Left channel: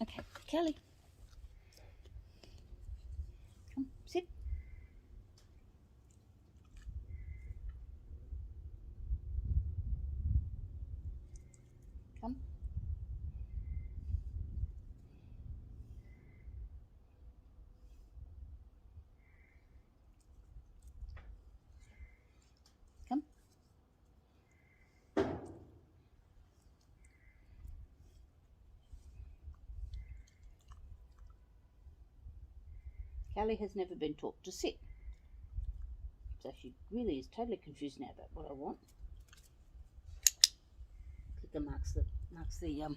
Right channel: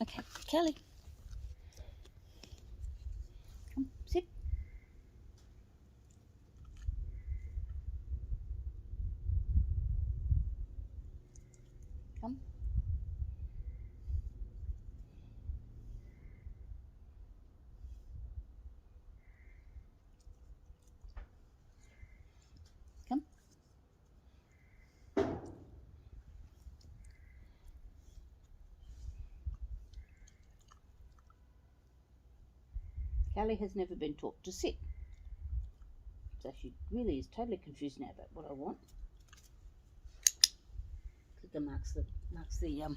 Okay, Kelly. Come, sit. Come. Come. Kelly has never been taught to sit. So she really is totally confused now about what I want. Clicker marks the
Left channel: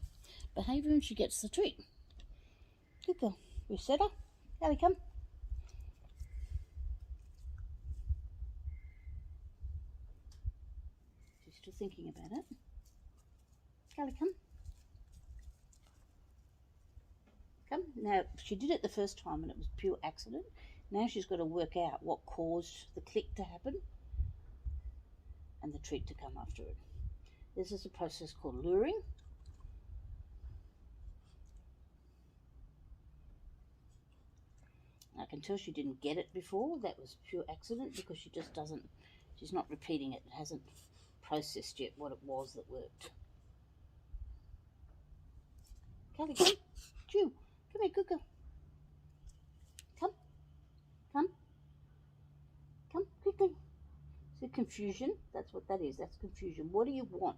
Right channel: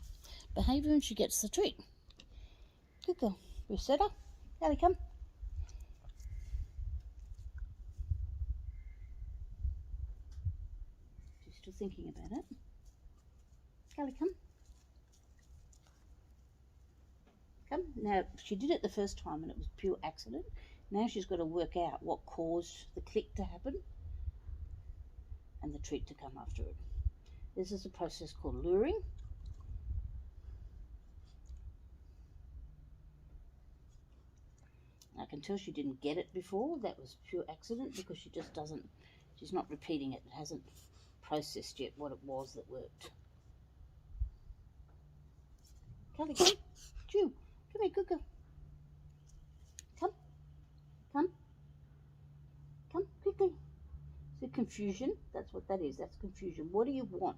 behaviour and she gets the treat. Good girl. Reset her. Kelly, come. She's still thinking about it. Kelly, come. Come. Now, she did it the first time and it was pure accident. Now she's got to work out what caused the click to happen and the treat to come after it. This is a process called luring. I can tell she didn't get it before. That was pure accident because she just doesn't, she's not repeating it. It hasn't processed yet what it was that worked. Kelly, come. Chew. Come here, good girl. Come. Come. Come, quickly. So confusion, that's what that is. That's confusion. What do you want?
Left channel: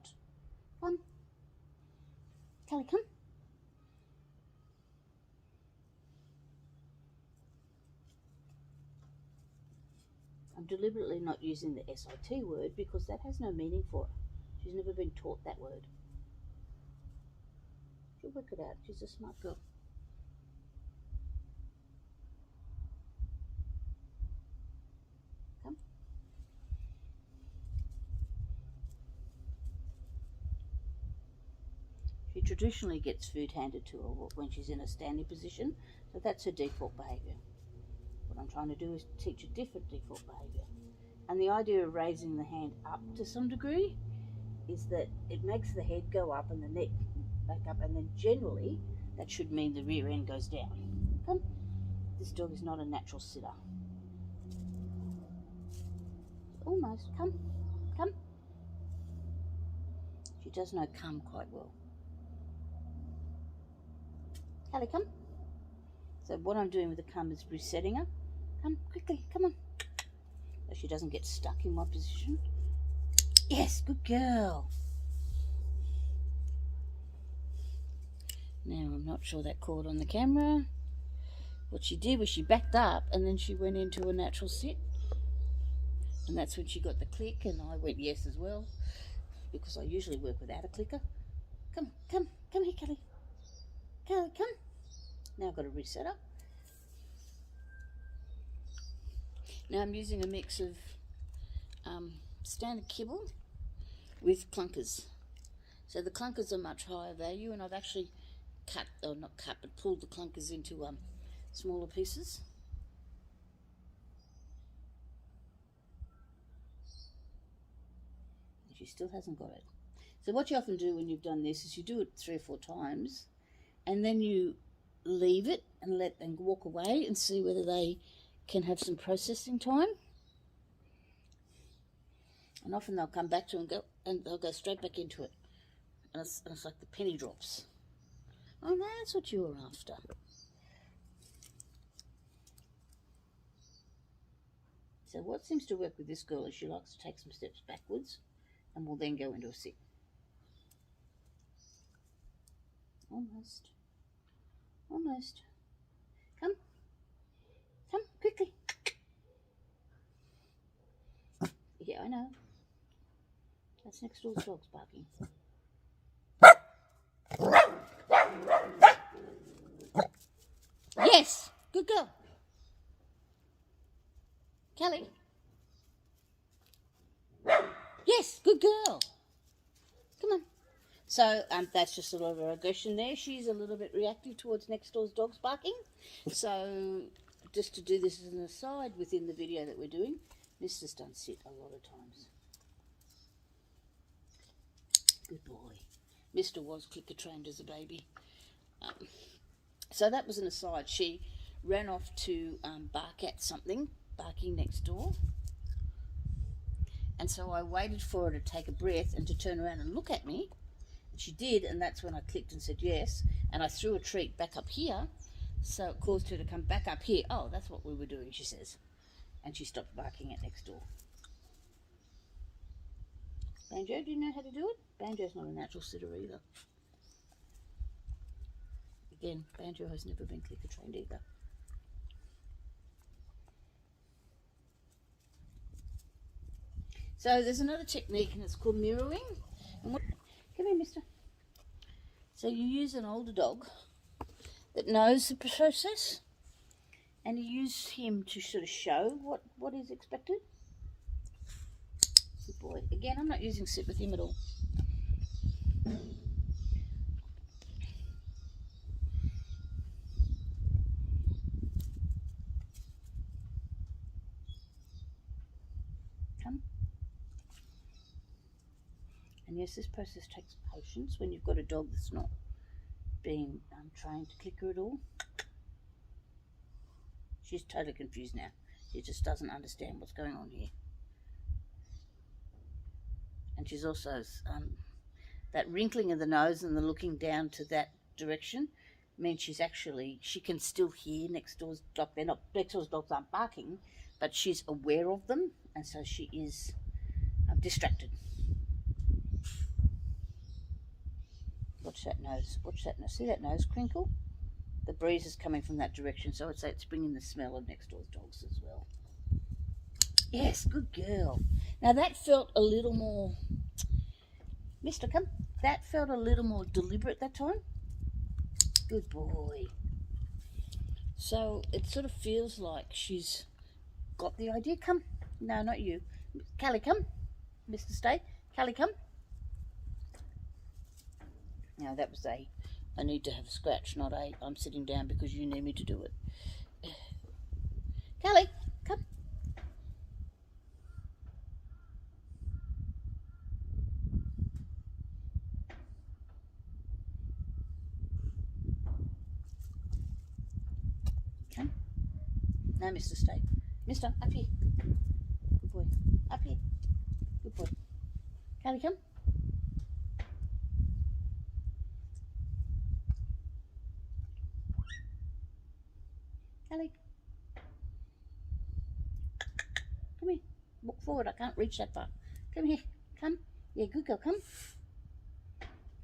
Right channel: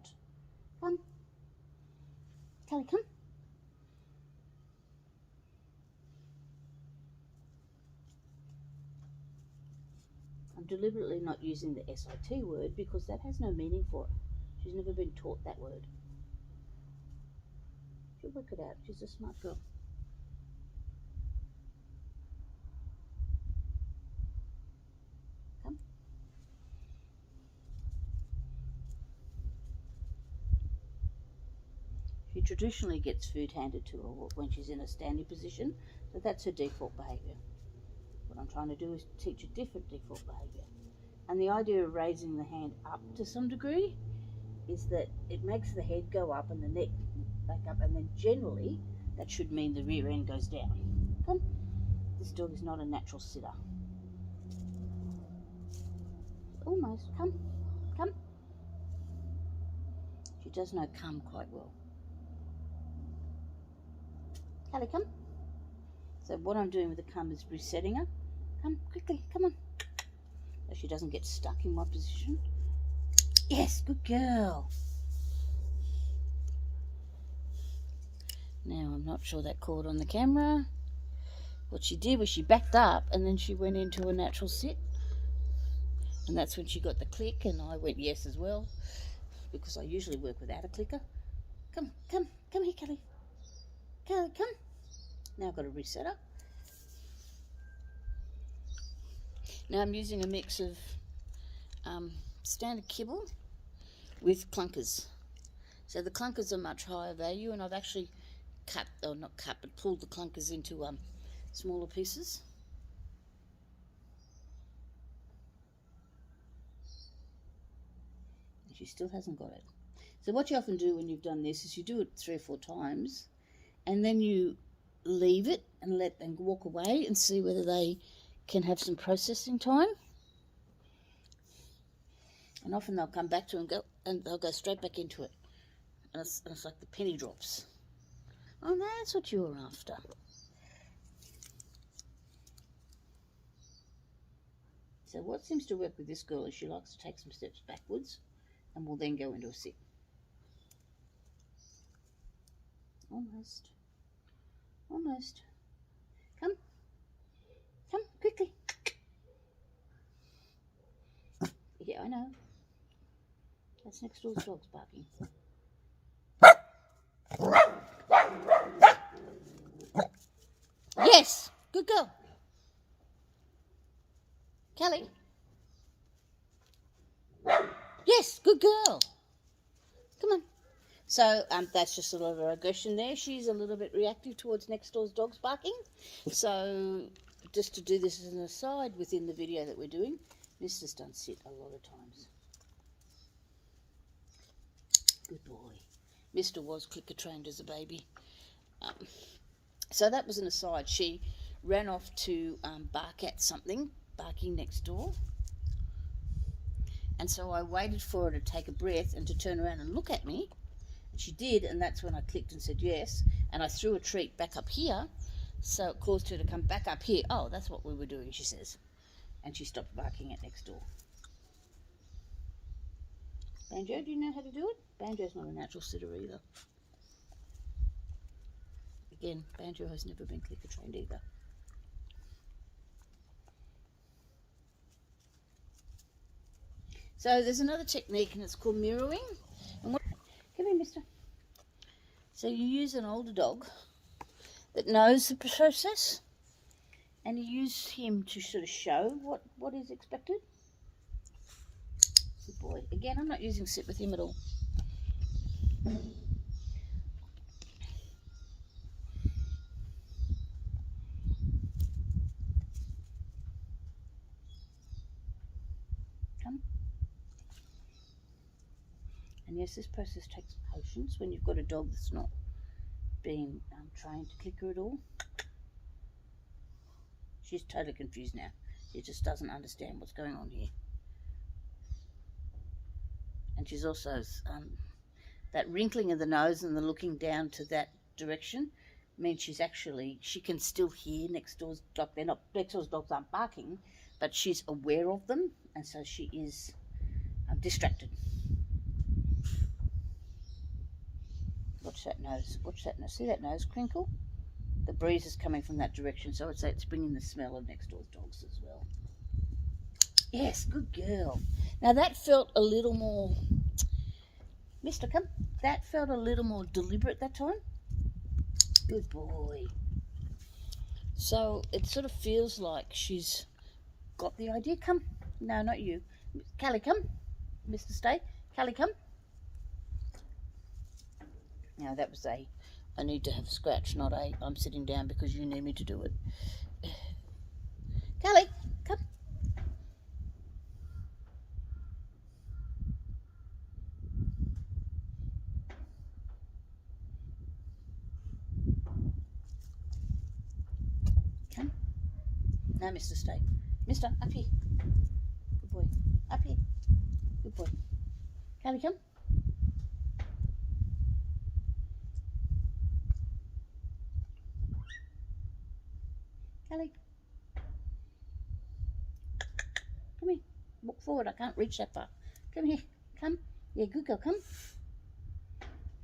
Come. Kelly, come. I'm deliberately not using the SIT word because that has no meaning for her. She's never been taught that word. She'll work it out. She's a smart girl. Come. She traditionally gets food handed to her when she's in a standing position, but that's her default behaviour. What I'm trying to do is teach a different default behaviour. And the idea of raising the hand up to some degree is that it makes the head go up and the neck back up, and then generally that should mean the rear end goes down. Come. This dog is not a natural sitter. Almost. Come. Come. She does know come quite well. Kelly, come. So what I'm doing with the come is resetting her. Come, quickly, come on. So she doesn't get stuck in my position. Yes, good girl. Now, I'm not sure that caught on the camera. What she did was she backed up and then she went into a natural sit. And that's when she got the click, and I went yes as well, because I usually work without a clicker. Come here, Kelly. Kelly, come. Now I've got to reset her. Now I'm using a mix of standard kibble with clunkers. So the clunkers are much higher value, and I've actually pulled the clunkers into smaller pieces. And she still hasn't got it. So what you often do when you've done this is you do it 3 or 4 times, and then you leave it and let them walk away and see whether they can have some processing time. And often they'll come back to it and they'll go straight back into it. And it's like the penny drops. Oh, that's what you were after. So what seems to work with this girl is she likes to take some steps backwards and will then go into a sit. Almost. Almost. Come. Come, quickly. Yeah, I know. That's next door's dog's barking. Yes, good girl. Kelly. Yes, good girl. Come on. So that's just a lot of aggression there. She's a little bit reactive towards next door's dog's barking. So just to do this as an aside within the video that we're doing, Mister's done sit a lot of times. Good boy. Mister was clicker trained as a baby. So that was an aside. She ran off to bark at something, barking next door. And so I waited for her to take a breath and to turn around and look at me. And she did, and that's when I clicked and said yes. And I threw a treat back up here, so it caused her to come back up here. Oh, that's what we were doing, she says. And she stopped barking at next door. Banjo, do you know how to do it? Banjo's not a natural sitter either. Again, Banjo has never been clicker trained either. So there's another technique, and it's called mirroring. Come here, mister. So you use an older dog that knows the process, and you use him to sort of show what is expected. Good boy. Again, I'm not using sit with him at all. Come. And yes, this process takes patience when you've got a dog that's not being trained to clicker at all. She's totally confused now. She just doesn't understand what's going on here. And she's also, that wrinkling of the nose and the looking down to that direction means she can still hear next door's dog. Next door's dogs aren't barking, but she's aware of them, and so she is distracted. Watch that nose. Watch that nose. See that nose crinkle? The breeze is coming from that direction, so it's bringing the smell of next door's dogs as well. Yes, good girl. Now that felt a little more, Mister, come. That felt a little more deliberate that time. Good boy. So it sort of feels like she's got the idea. Come. No, not you. Callie, come. Mr. Stay. Callie, come. Now that was I need to have a scratch, not I'm sitting down because you need me to do it. Callie, come. Come. Now, Mr. Stay. Mister, up here. Good boy. Up here. Good boy. Callie, come. Callie. Come here. Walk forward. I can't reach that far. Come here. Come. Yeah, good girl. Come.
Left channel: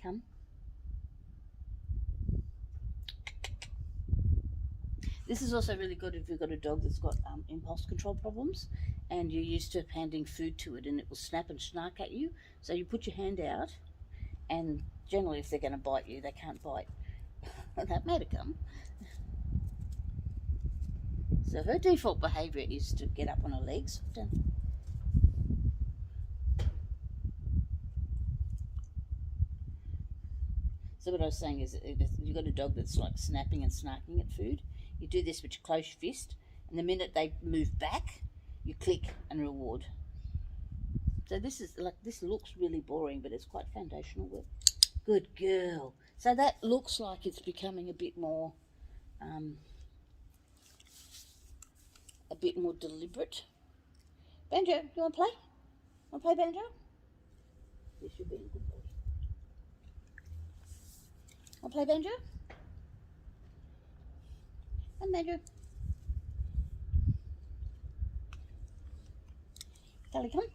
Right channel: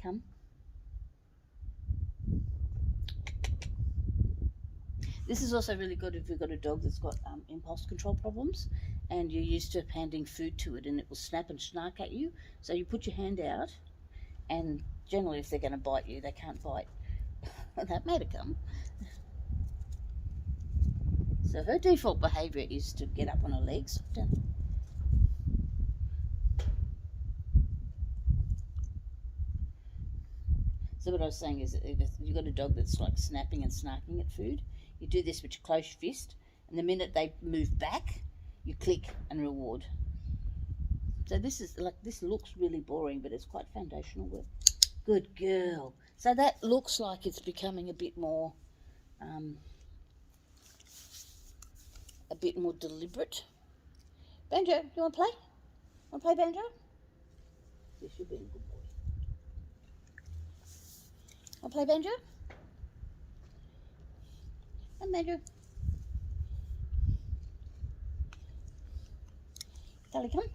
Come. This is also really good if you've got a dog that's got impulse control problems and you're used to handing food to it and it will snap and snark at you. So you put your hand out, and generally if they're going to bite you, they can't bite. That made it come. So her default behaviour is to get up on her legs. So what I was saying is, if you've got a dog that's like snapping and snarking at food, you do this with your close fist, and the minute they move back, you click and reward. So this looks really boring, but it's quite foundational work. Good girl. So that looks like it's becoming a bit more deliberate. Banjo, you want to play? Want to play, Banjo? Yes, you're being a good boy. Want to play, Banjo? Come, Banjo. Callie, come.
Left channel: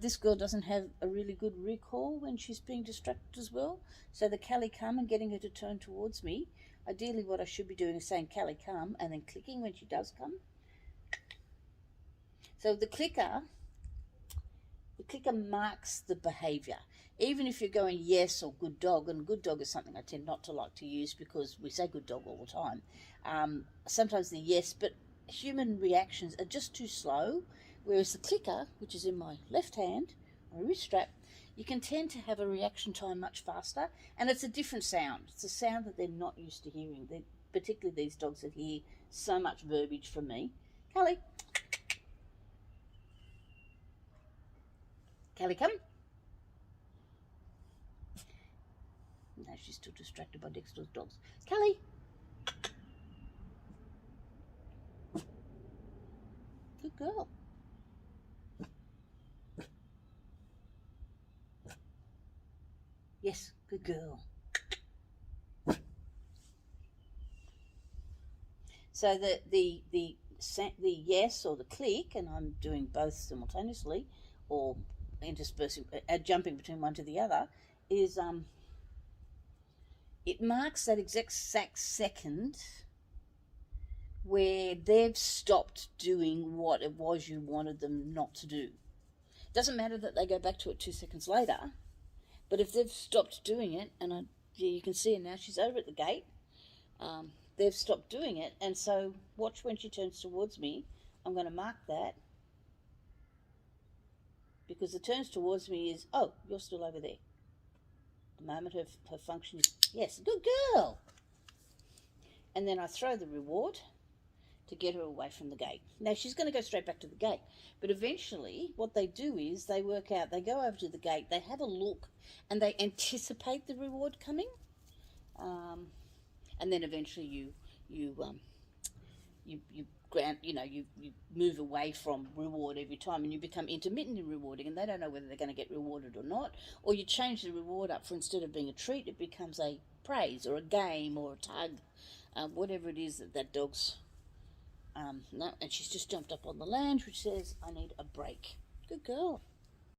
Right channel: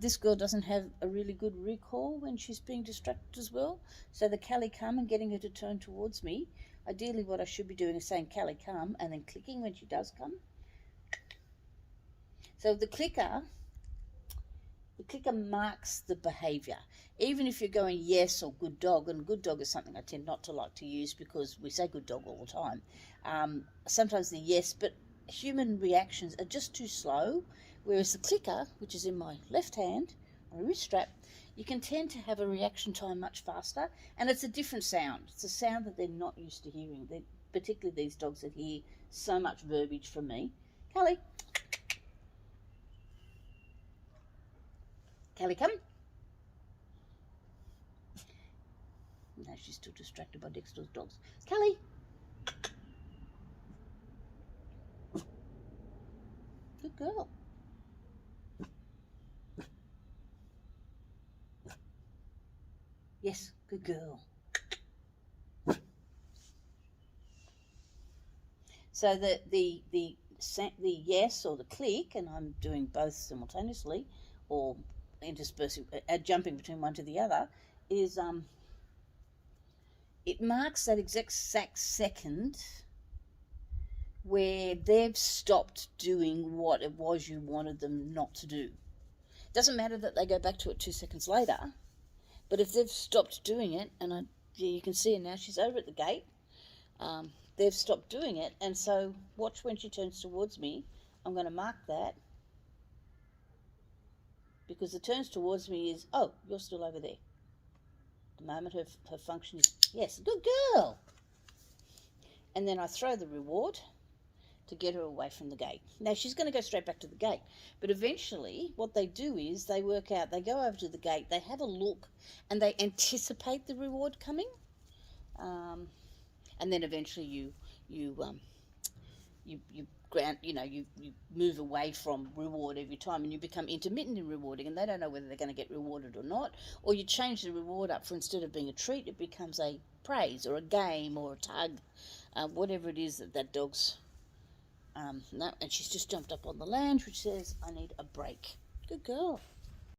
This girl doesn't have a really good recall when she's being distracted as well. So the Callie come and getting her to turn towards me. Ideally what I should be doing is saying Callie come and then clicking when she does come. So the clicker marks the behaviour. Even if you're going yes or good dog, and good dog is something I tend not to like to use because we say good dog all the time. Sometimes the yes, but human reactions are just too slow. Whereas the clicker, which is in my left hand, on a wrist strap, you can tend to have a reaction time much faster, and it's a different sound. It's a sound that they're not used to hearing, particularly these dogs that hear so much verbiage from me. Callie. Callie, come. No, she's still distracted by next door's dogs. Kelly! Good girl. Yes, good girl. So the yes or the click, and I'm doing both simultaneously, or interspersing, jumping between one to the other, is it marks that exact second where they've stopped doing what it was you wanted them not to do. It doesn't matter that they go back to it 2 seconds later, but if they've stopped doing it, and you can see her now, she's over at the gate, they've stopped doing it, and so watch when she turns towards me. I'm going to mark that, because the turns towards me is, oh, you're still over there. The moment her function is, yes, good girl. And then I throw the reward to get her away from the gate. Now, she's going to go straight back to the gate, but eventually what they do is they work out, they go over to the gate, they have a look, and they anticipate the reward coming, and then eventually you move away from reward every time, and you become intermittent in rewarding, and they don't know whether they're going to get rewarded or not. Or you change the reward up, for instead of being a treat, it becomes a praise or a game or a tug, whatever it is that dog's no. And she's just jumped up on the lounge, which says, I need a break. Good girl.